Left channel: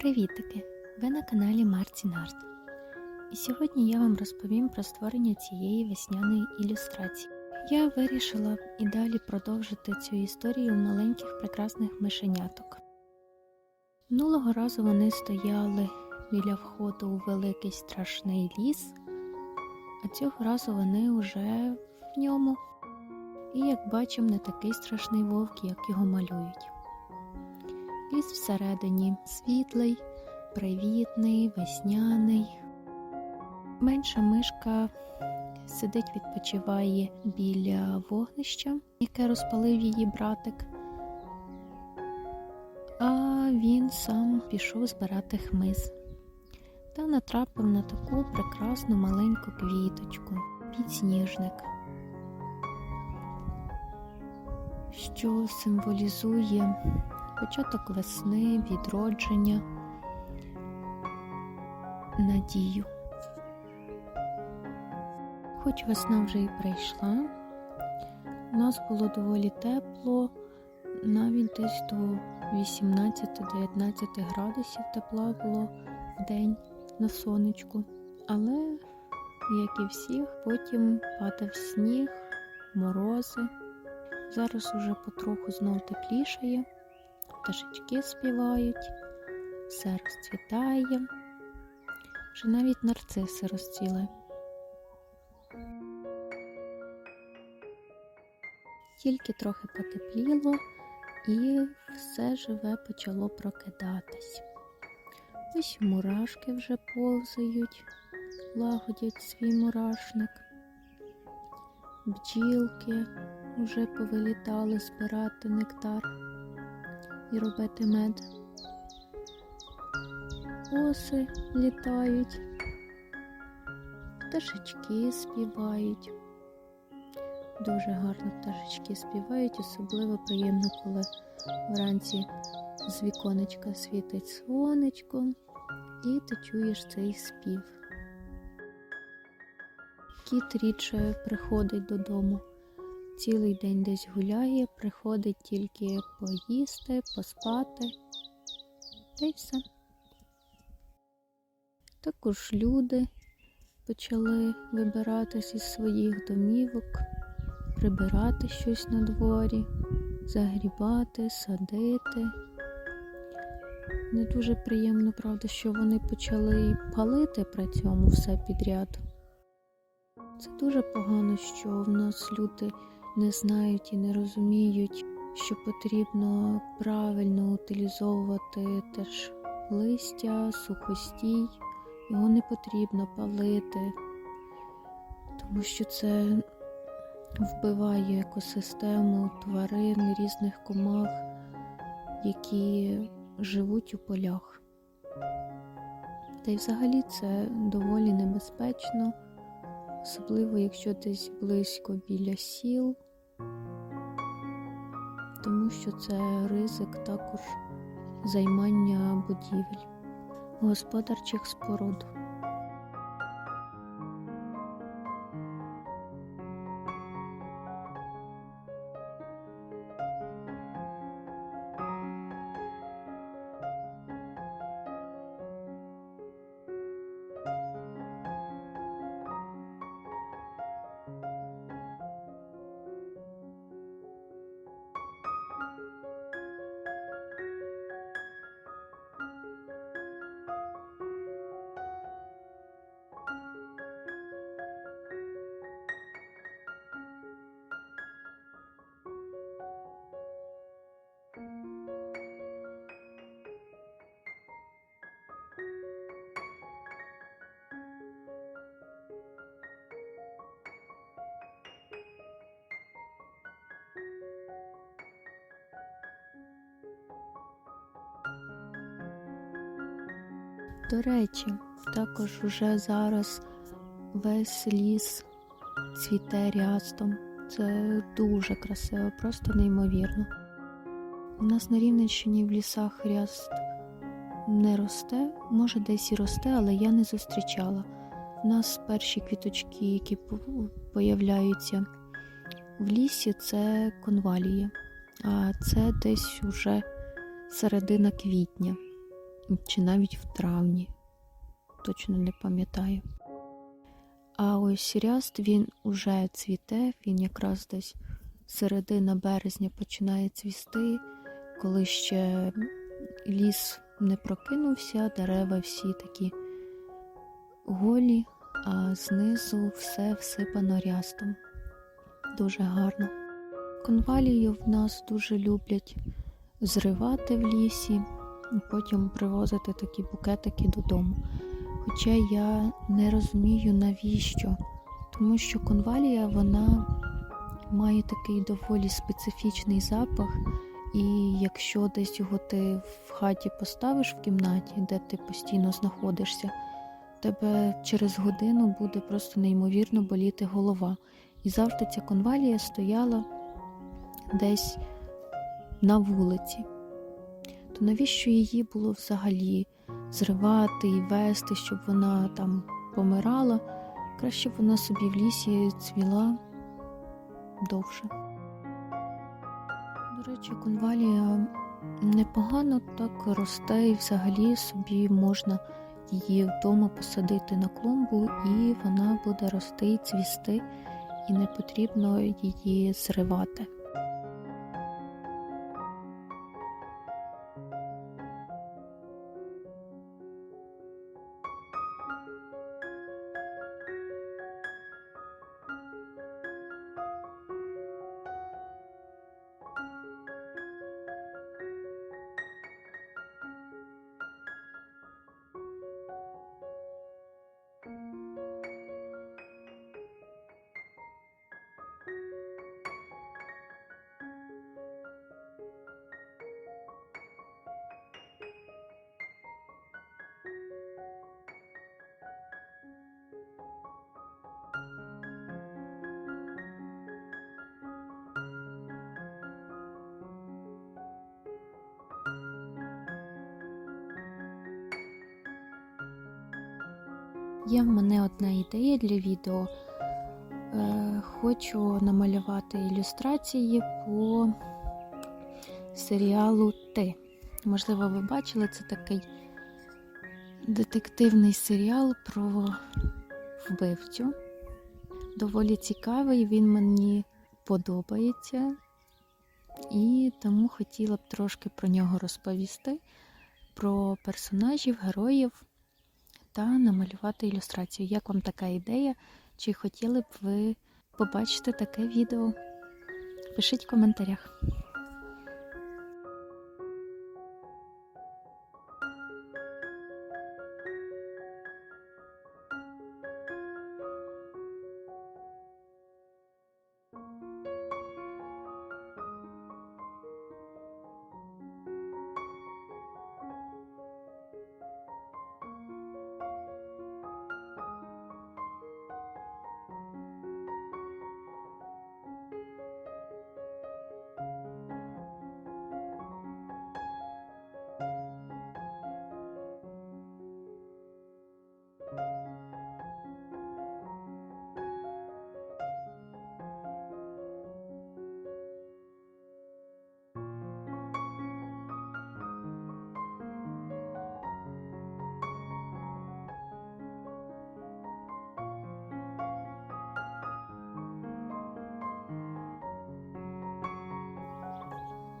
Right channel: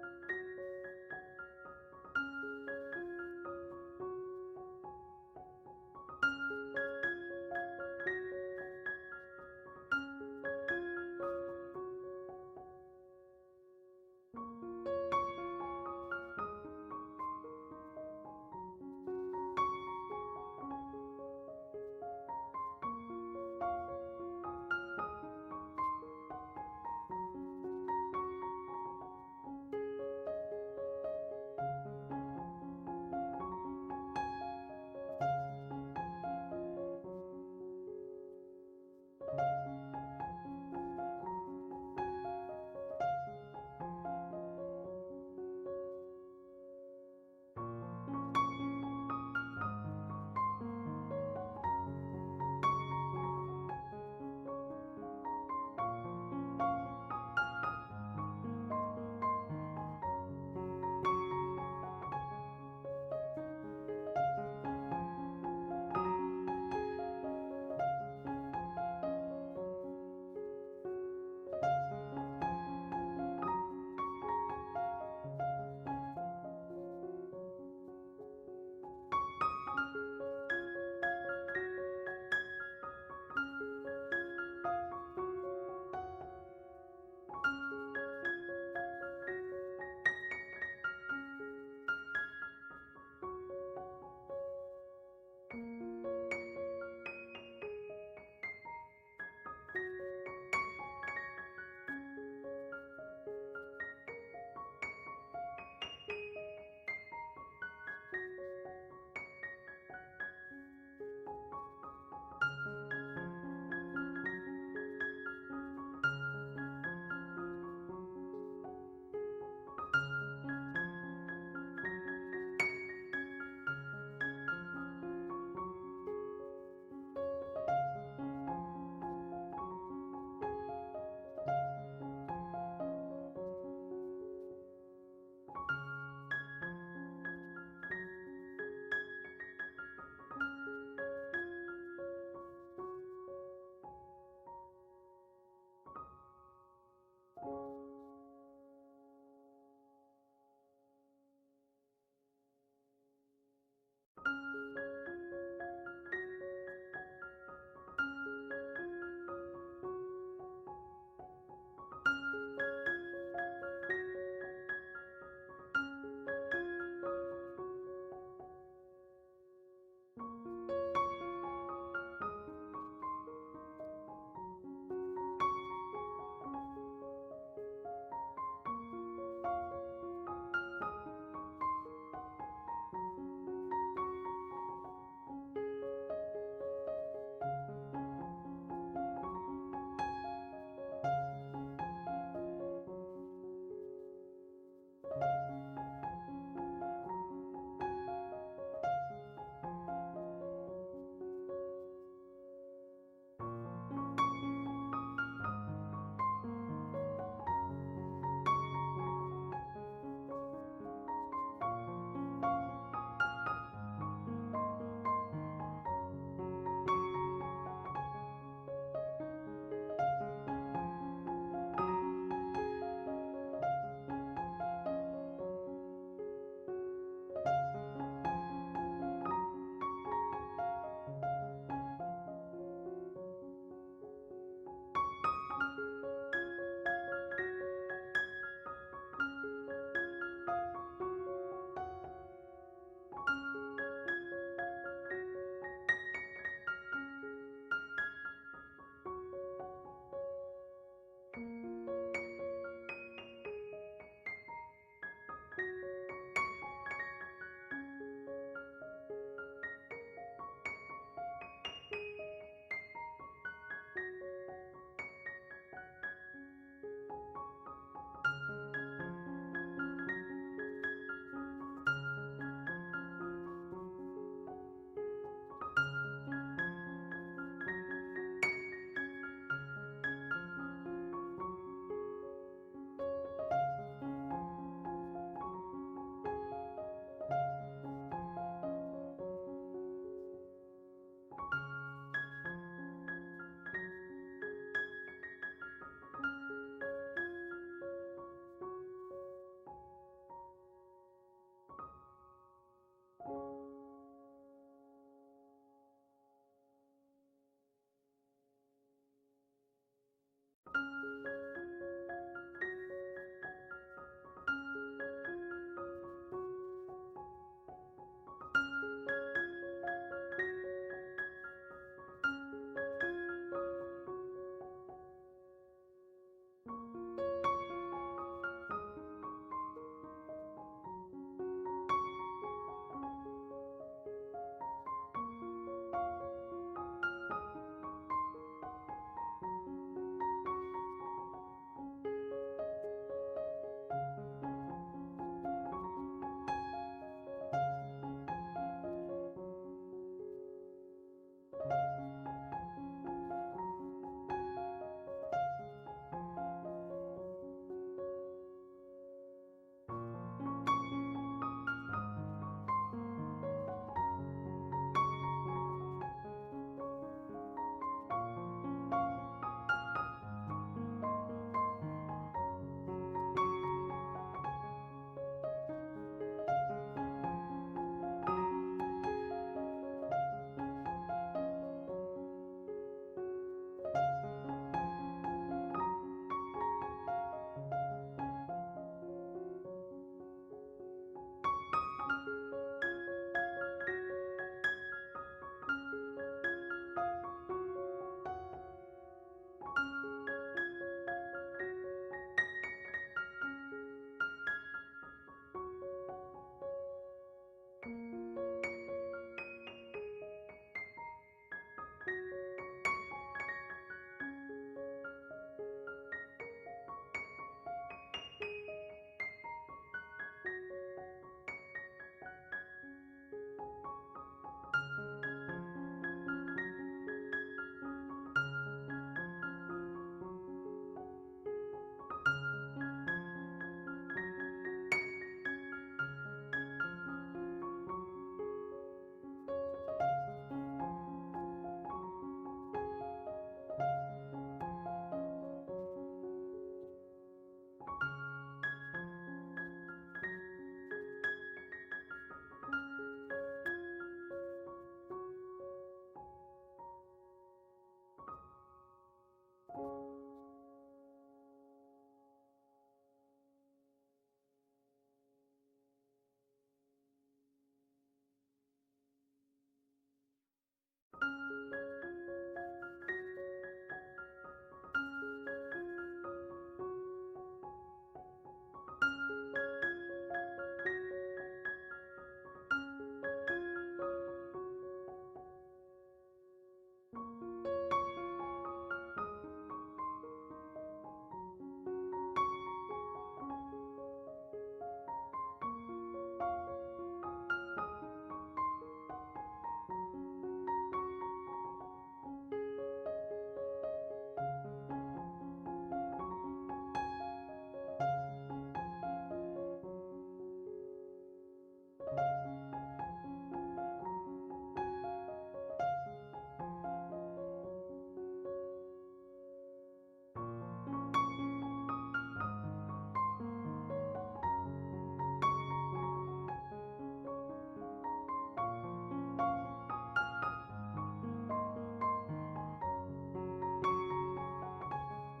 Привітики! Ви на каналі Марцін Арт. І сьогодні я вам розповім про створення цієї весняної ілюстрації. Я вирішила і далі продовжити цю історію маленьких прекрасних мишеняток. Минулого разу вони стояли біля входу у великий страшний ліс, а цього разу вони вже в ньому. І, як бачимо, не такий страшний вовк, як його малюють. Ліс всередині світлий, привітний, весняний. Менша мишка сидить, відпочиває біля вогнища, яке розпалив її братик. А він сам пішов збирати хмиз та натрапив на таку прекрасну маленьку квіточку підсніжник, що символізує початок весни, відродження, надію. Хоч весна вже і прийшла, у нас було доволі тепло, навіть десь до 18-19 градусів тепла було в день на сонечку. Але, як і всіх, потім падав сніг, морози. Зараз уже потроху знов теплішає пташечки співають, все розцвітає, вже навіть нарциси розцвіли. Тільки трохи потепліло і все живе почало прокидатись. Ось мурашки вже повзають, лагодять свій мурашник. Бджілки вже повилітали збирати нектар і робити мед. Оси літають, пташечки співають. Дуже гарно пташечки співають, особливо приємно, коли вранці з віконечка світить сонечко, і ти чуєш цей спів. Кіт рідше приходить додому цілий день десь гуляє, приходить тільки поїсти, поспати, та й все. Також люди почали вибиратись із своїх домівок, прибирати щось на дворі, загрібати, садити. Не дуже приємно, правда, що вони почали палити при цьому все підряд. Це дуже погано, що в нас люди не знають і не розуміють, що потрібно правильно утилізовувати теж листя, сухостій, його не потрібно палити, тому що це вбиває екосистему тварин, різних комах, які живуть у полях. Та й взагалі це доволі небезпечно, особливо якщо десь близько біля сіл тому що це ризик також займання будівель, господарчих споруд. До речі, також уже зараз весь ліс цвіте рястом. Це дуже красиво, просто неймовірно. У нас на Рівненщині в лісах ряст не росте, може десь і росте, але я не зустрічала. У нас перші квіточки, які появляються в лісі, це конвалії, а це десь уже середина квітня. Чи навіть в травні, точно не пам'ятаю. А ось ряст він уже цвіте, він якраз десь середина березня починає цвісти, коли ще ліс не прокинувся, дерева всі такі голі, а знизу все всипано рястом. Дуже гарно. Конвалію в нас дуже люблять зривати в лісі і потім привозити такі букетики додому. Хоча я не розумію навіщо, тому що конвалія вона має такий доволі специфічний запах, і якщо десь його ти в хаті поставиш в кімнаті, де ти постійно знаходишся, тебе через годину буде просто неймовірно боліти голова. І завжди ця конвалія стояла десь на вулиці. То навіщо її було взагалі зривати і вести, щоб вона там помирала? Краще б вона собі в лісі цвіла довше. До речі, конвалія непогано так росте і взагалі собі можна її вдома посадити на клумбу, і вона буде рости і цвісти, і не потрібно її зривати. Є в мене одна ідея для відео. Е, хочу намалювати ілюстрації по серіалу Ти. Можливо, ви бачили, це такий детективний серіал про вбивцю. Доволі цікавий, він мені подобається. І тому хотіла б трошки про нього розповісти, про персонажів, героїв та намалювати ілюстрацію. Як вам така ідея? Чи хотіли б ви побачити таке відео? Пишіть в коментарях.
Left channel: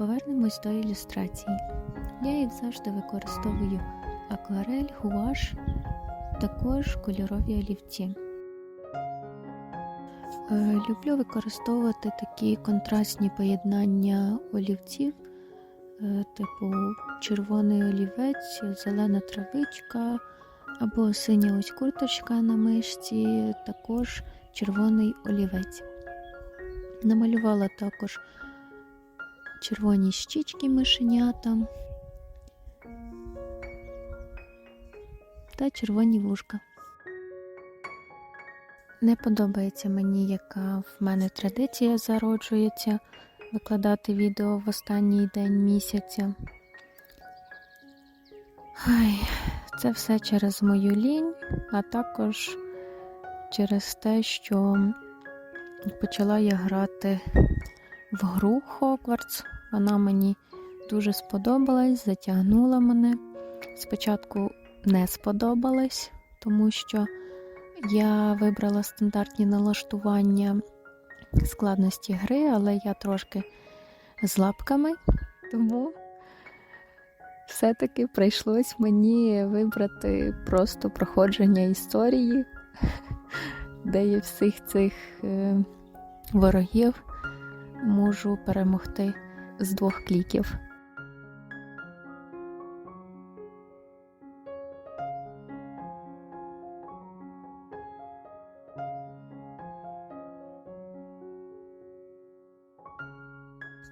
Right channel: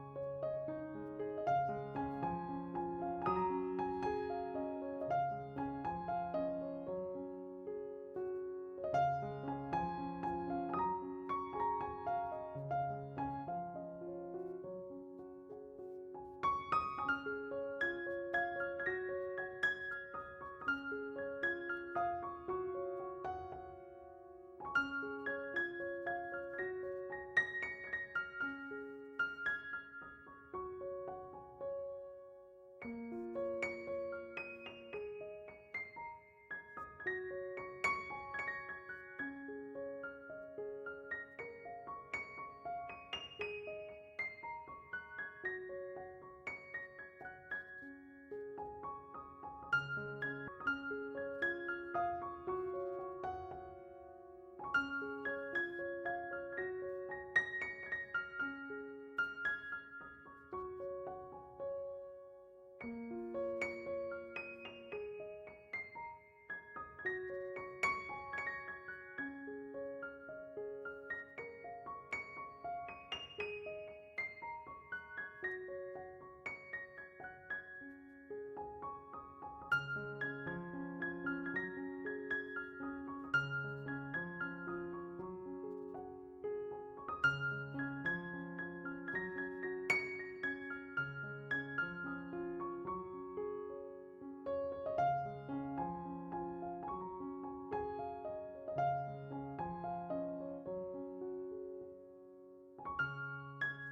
Повернемось до ілюстрацій. Я їх завжди використовую акварель, гуаш, також кольорові олівці. Е, Люблю використовувати такі контрастні поєднання олівців, е, типу червоний олівець, зелена травичка або синя ось курточка на мишці, також червоний олівець. Намалювала також червоні щічки мишенята та червоні вушка. Не подобається мені, яка в мене традиція зароджується викладати відео в останній день місяця. Ай, це все через мою лінь, а також через те, що почала я грати в гру Хогвартс. Вона мені дуже сподобалась, затягнула мене. спочатку не сподобалось, тому що я вибрала стандартні налаштування складності гри, але я трошки з лапками, тому все-таки прийшлось мені вибрати просто проходження історії, де я всіх цих е, ворогів можу перемогти з двох кліків.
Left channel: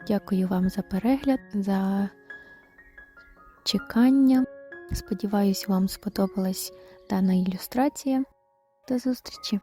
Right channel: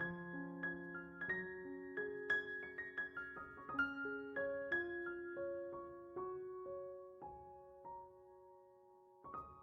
Дякую вам за перегляд, за чекання. Сподіваюсь, вам сподобалась дана ілюстрація. До зустрічі!